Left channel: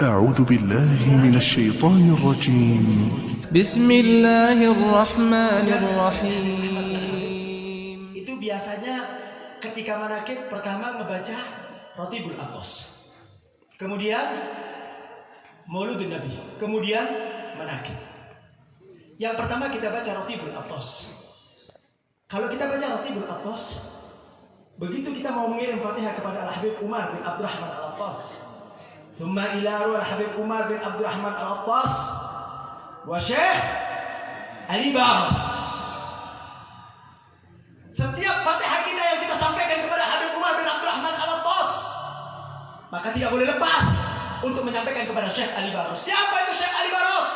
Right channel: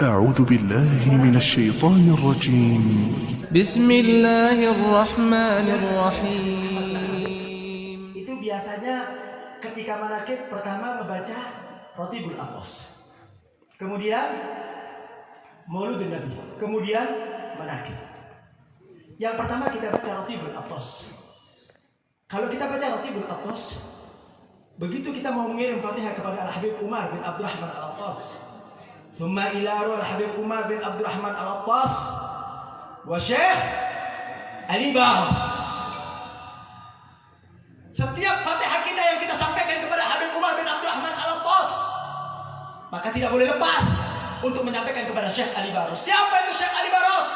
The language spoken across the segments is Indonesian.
أعوذ بالله من الشيطان الرجيم. بسم الله الرحمن الرحيم. Itu biasanya ketika manakib pertama ngebaca Rotibul Atos, kemudian Mauludun Nabi, kemudian manakib. Yang pertama kita baca Rotibul Atos. Kalau kita baca Rotibul Atos, begitu kita mau mengirim Fatihah kepada Al-Habib Umar bin Abdurrahman Al-Attas, Thumma ila Al-Habib Umar bin Abdurrahman Al-Attas wa Syekh Ali Baros. Setiap Fatihah kita yang kita sampaikan kepada Habib Umar bin Abdurrahman Al-Attas, maka tidak boleh lepas untuk menyampaikan kepada Syekh Ali Baros. Siapa itu Syekh Ali Baros?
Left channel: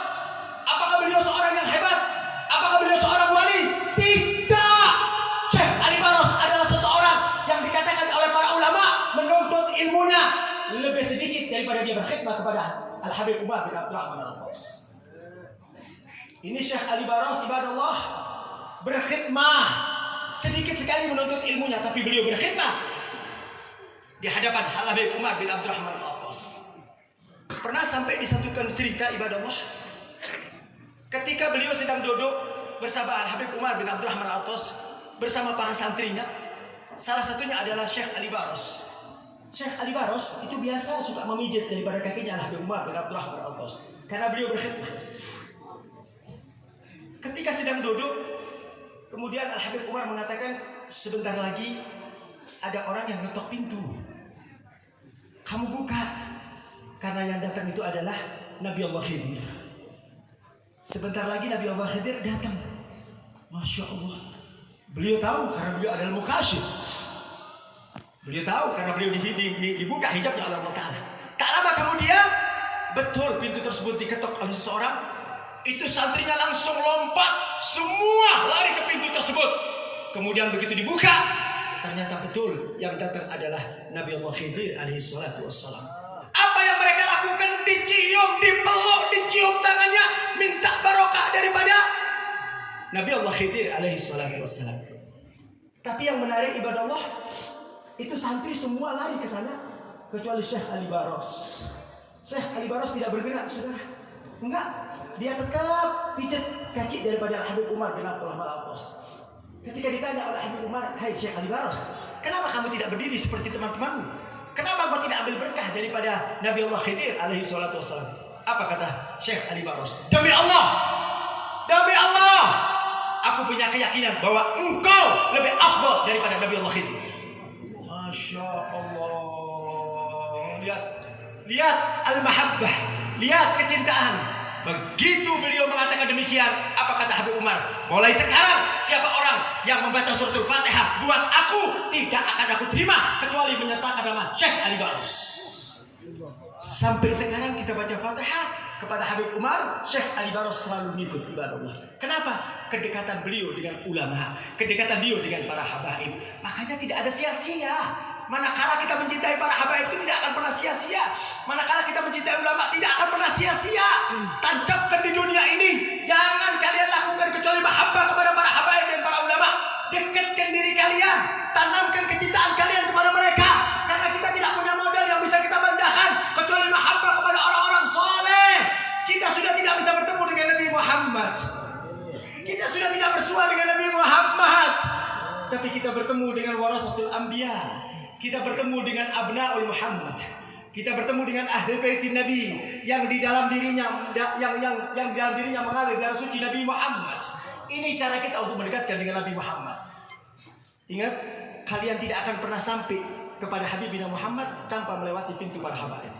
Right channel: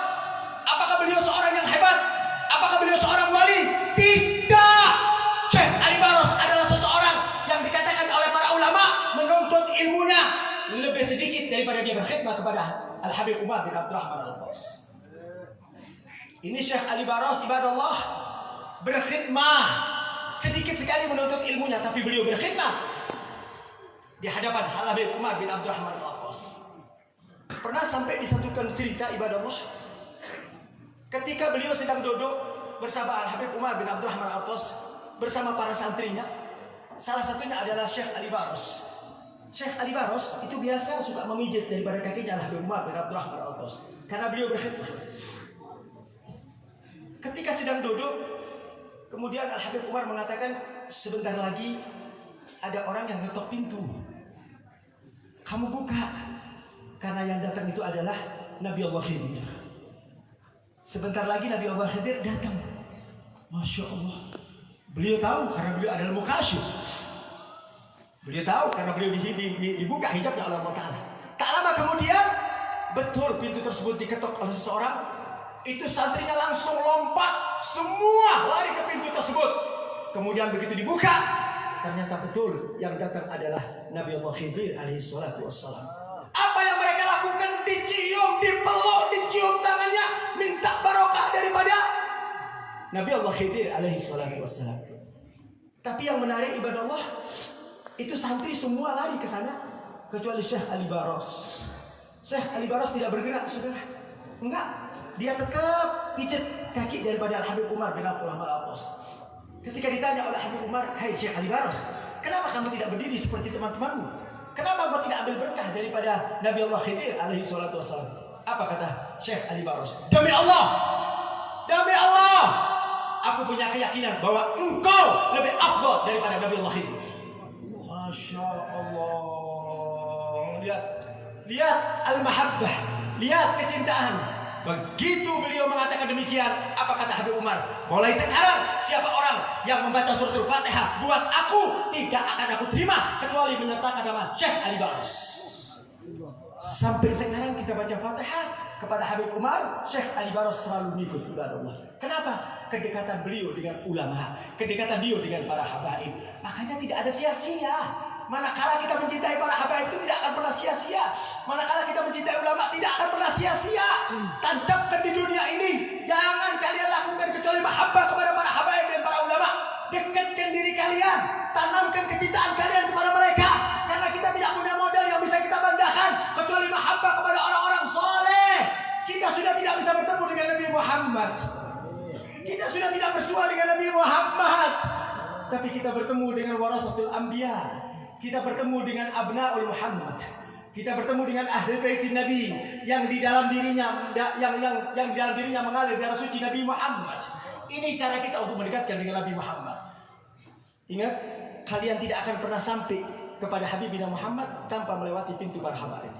Apakah beliau seorang yang hebat? Apakah beliau seorang wali? Tidak. Syekh Ali Baros adalah seseorang yang dikatakan oleh para ulama menuntut ilmunya lebih sedikit daripada dia berkhidmat kepada Al-Habib Umar bin Abdurrahman Al-Attas. Ini Syekh Ali Baros, ibadallah, berkhidmah sedikit sekali menuntut ilmunya, tapi beliau berkhidmah di hadapan Al-Habib Umar bin Abdurrahman Al-Attas. Pernah sampai disatukan cerita, ibadallah, ketika beliau sedang duduk bersama Al-Habib Umar bin Abdurrahman Al-Attas bersama para santrinya, salah satunya adalah Syekh Ali Baros. Syekh Ali Baros itu biasa suka memijit daripada kakinya Al-Habib Umar bin Abdurrahman Al-Attas karena beliau berkhidmat. Ketika sedang duduk, kemudian Al-Habib Umar mengatakan, sebentar lagi ada orang yang ngetok pintu. Kamu buka, karena yang datang itu adalah Nabi Allah Khidir. Sebentar lagi Nabi Allah Khidir datang. Masya Allah. Beliau tahu karena beliau adalah mukasyif. Beliau tahu karena beliau dibuka hijabnya oleh Allah Ta'ala. Tak lama kemudian, betul pintu tersebut diketok oleh seseorang. Itu santrinya langsung lompat, semua lari ke pintu tersebut. Kemudian begitu dibuka, ternyata betul yang datang adalah Nabi Allah Khidir alaihi salatu wassalam. Apa yang mereka lakukan? Dicium, dipeluk, dicium tangannya, minta barokah daripada Nabi Allah Khidir alaihi salatu wassalam. Tapi yang menarik, ibadah Allah, itu santri semua lari ke sana kecuali Syekh Ali Baros. Syekh Ali Baros tidak bergerak, saudara. Enggak, dia tetap pijat kaki daripada Al-Habib Umar bin Abdurrahman Al-Attas. Ketika ditanya oleh Habib Umar, "Hai Syekh Ali Baros, kenapa kamu tidak berdiri seperti teman-temanmu? Kenapa kau tidak ambil berkah daripada Nabi Allah Khidir alaihi salatu wassalam?" Apa kata Syekh Ali Baros? Demi Allah, aku punya keyakinan bahwa engkau lebih afdal daripada Nabi Allah Khidir. Masya Allah. Lihat al-mahabbah, lihat kecintaan. Begitu beliau mengatakan demikian, apa kata Habib Umar? Mulai sekarang siapa orang yang membaca suratul Fatihah buat aku, tidak akan aku terima kecuali menyertakan nama Syekh Ali Baros. Sampai sekarang kita baca Fatihah kepada Habib Umar, Syekh Ali Baros selalu ngikut, ibadallah. Kenapa? Kedekatan beliau dengan ulama, kedekatan beliau dengan para habaib. Makanya tidak ada sia-sia. Manakala kita mencintai para habaib itu tidak akan pernah sia-sia. Manakala kita mencintai ulama tidak akan pernah sia-sia. Tancapkan di dunia ini, jangan kalian lakukan kecuali mahabbah kepada para habaib dan para ulama. Dekatkan diri kalian, tanamkan kecintaan kalian kepada mereka. Karena kita tidak punya modal yang bisa kita bandahkan kecuali mahabbah kepada orang-orang soleh. Kita sudah tidak bisa bertemu dengan Nabi Muhammad. Kita sudah tidak bersua dengan Nabi Muhammad, tapi kita bertemu dengan warasatul anbiya. Kita bertemu dengan abnaul Muhammad. Kita bertemu dengan ahli baitin Nabi yang di dalam dirinya yang di dalam dirinya mengalir darah suci Nabi Muhammad. Ini cara kita untuk mendekatkan dengan Nabi Muhammad. Ingat, kalian tidak akan pernah sampai kepada Habibina Muhammad tanpa melewati pintu para habaib.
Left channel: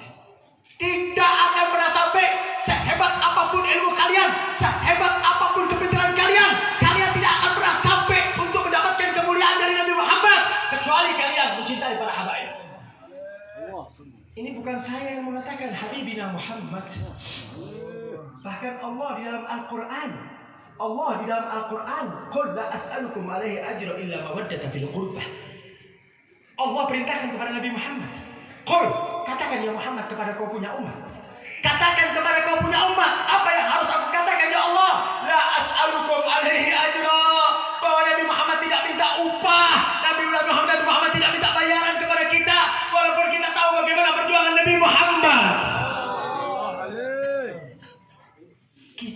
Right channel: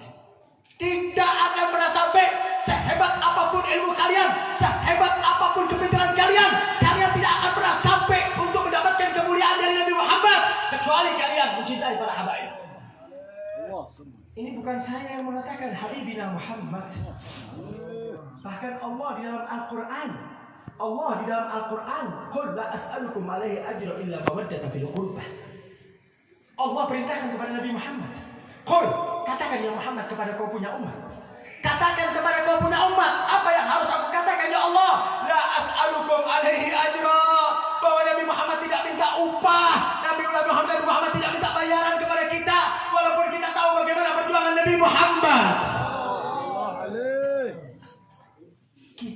Tidak akan pernah sampai. Sehebat apapun ilmu kalian, sehebat apapun kepintaran kalian, kalian tidak akan pernah sampai untuk mendapatkan kemuliaan dari Nabi Muhammad kecuali kalian mencintai para habaib. Ini bukan saya yang mengatakan, Habibina Muhammad. Bahkan Allah di dalam Al-Quran, "Qul la as'alukum alaihi ajra illa mawaddata fil qurbah." Allah perintahkan kepada Nabi Muhammad, "Qul," katakan ya Muhammad kepada kau punya umat. Katakan kepada kau punya umat, apa yang harus aku katakan ya Allah? La as'alukum alaihi ajra. Bahwa Nabi Muhammad tidak minta upah. Nabi Muhammad tidak minta bayaran kepada kita. Walaupun kita tahu bagaimana perjuangan Nabi Muhammad.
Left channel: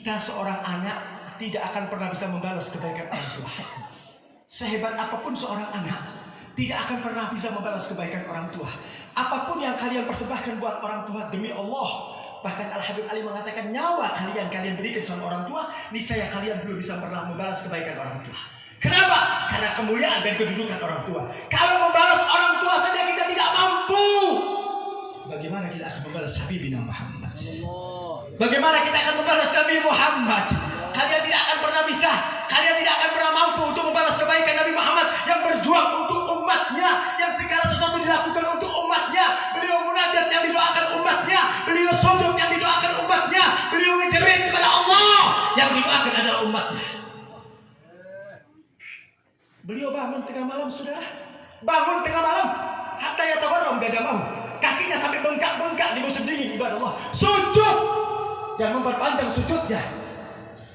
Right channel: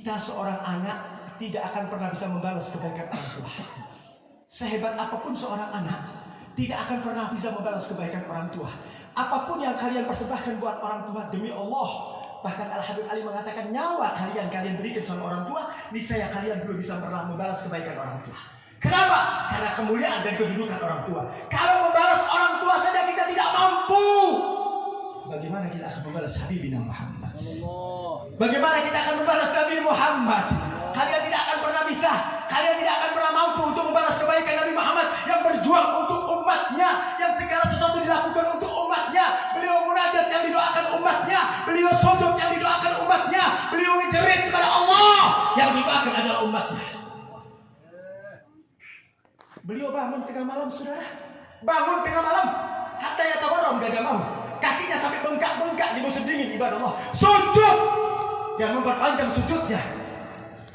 Kita seorang anak tidak akan pernah bisa membalas kebaikan orang tua. Sehebat apapun seorang anak tidak akan pernah bisa membalas kebaikan orang tua. Apapun yang kalian persembahkan buat orang tua, demi Allah, bahkan Al-Habib Ali mengatakan nyawa kalian berikan sama orang tua, niscaya kalian belum bisa pernah membalas kebaikan orang tua. Kenapa? Karena kemuliaan dan kedudukan orang tua. Kalau membalas orang tua saja kita tidak mampu, bagaimana kita akan membalas Habibina Muhammad? Bagaimana kita akan membalas Nabi Muhammad? Kalian tidak akan pernah bisa, kalian tidak akan pernah mampu untuk membalas kebaikan Nabi Muhammad yang berjuang untuk umatnya, yang segala sesuatu dilakukan untuk umatnya. Beliau munajat yang didoakan umatnya, beliau sujud yang didoakan umatnya, beliau menjerit kepada Allah yang didoakan adalah umatnya. Beliau bangun tengah malam, saudara. Bangun tengah malam, hatta yatawarram dadamahu. Kakinya sampai bengkak-bengkak di musim dingin, ibadah Allah. Sujud yang memperpanjang sujudnya.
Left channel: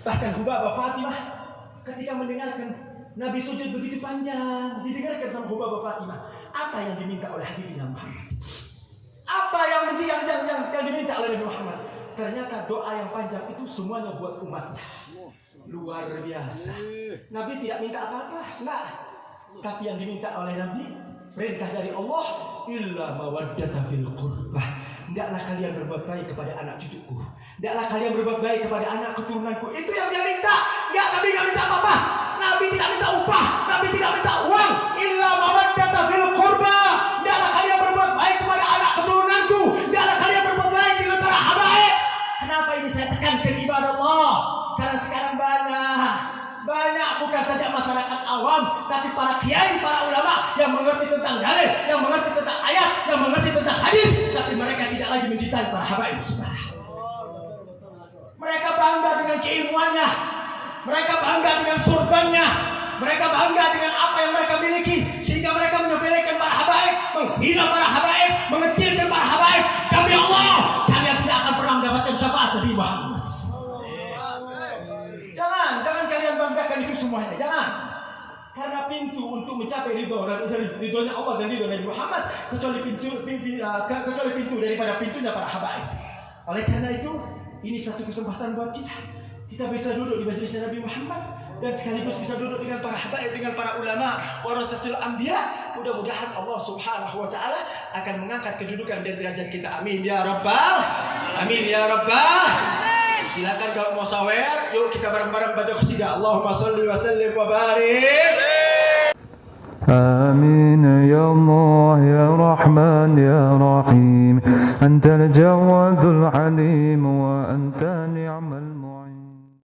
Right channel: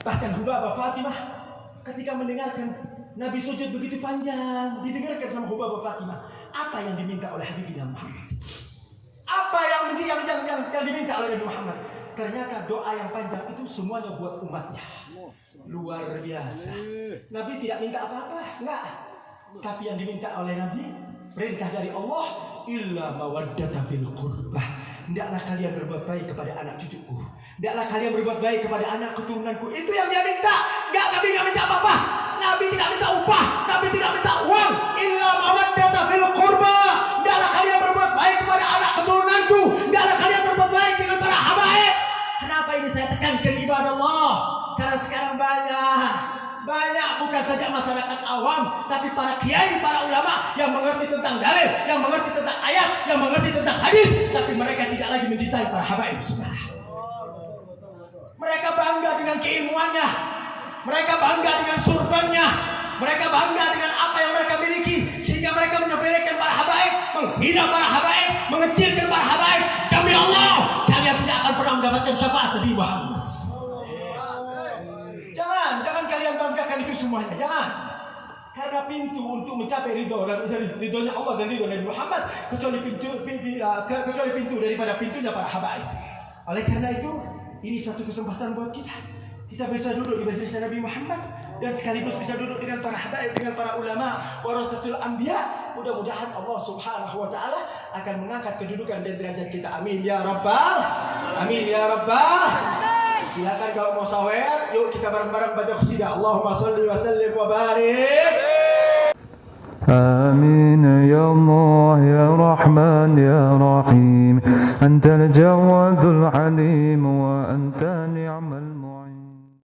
Bahkan Hubabah Fatimah ketika mendengarkan Nabi sujud begitu panjang, didengarkan sama Hubabah Fatimah. Apa yang diminta oleh Habibina Muhammad? Apa yang diminta oleh Nabi Muhammad? Ternyata doa yang panjang itu semuanya buat umatnya. Luar biasa. Nabi tidak minta apa-apa, enggak. Tapi yang diminta oleh Nabi, perintah dari Allah, illa mawaddata fil qurbah. Hendaklah kalian berbuat baik kepada anak cucuku. Hendaklah kalian berbuat baik kepada anak keturunanku. Itu yang dia minta. Enggak, Nabi enggak minta apa-apa. Nabi tidak minta upah, Nabi tidak minta uang. Illa mawaddata fil qurbah. Hendaklah kalian berbuat baik kepada anak keturunanku. Hendaklah kalian berbuat baik dengan para habaib. Kenapa ini saya tekankan, ibadah Allah? Karena sekarang banyak bukan saja masyarakat awam, tapi para kiai, para ulama yang mengerti tentang dalil, yang mengerti tentang ayat, yang mengerti tentang hadis, tapi mereka tidak lagi mencintai para habaib, saudara. Mereka bangga dengan keilmuannya, mereka bangga dengan surbannya, mereka bangga dengan apa yang mereka miliki, sehingga mereka menyepelekan para habaib, menghina para habaib, mengecilkan para habaib. Demi Allah, kalian tidak akan pernah mendapatkan syafaat Nabi Muhammad. Jangan kalian banggakan itu semuanya, jangan. Karena pintu untuk mencapai ridhonya Allah dan ridho Nabi Muhammad kecuali pintu daripada pintunya para habaib. Oleh karena itu, ini satu kesempatan buat kita. Kita bisa duduk di majelis Nabi Muhammad dan sekaligus bisa duduk dengan para habaib, dengan para ulama, warasatul anbiya. Mudah-mudahan Allah Subhanahu wa taala akan mengangkat kedudukan dan derajat kita. Amin ya rabbal amin ya rabbal. Silakan kalau mau sawer, yuk kita bareng-bareng baca qasidah. Allahumma shalli wa sallim wa barik. آمين يا الله يا رحمن يا رحيم أنت الجواد العليم وأنت نعم المعين.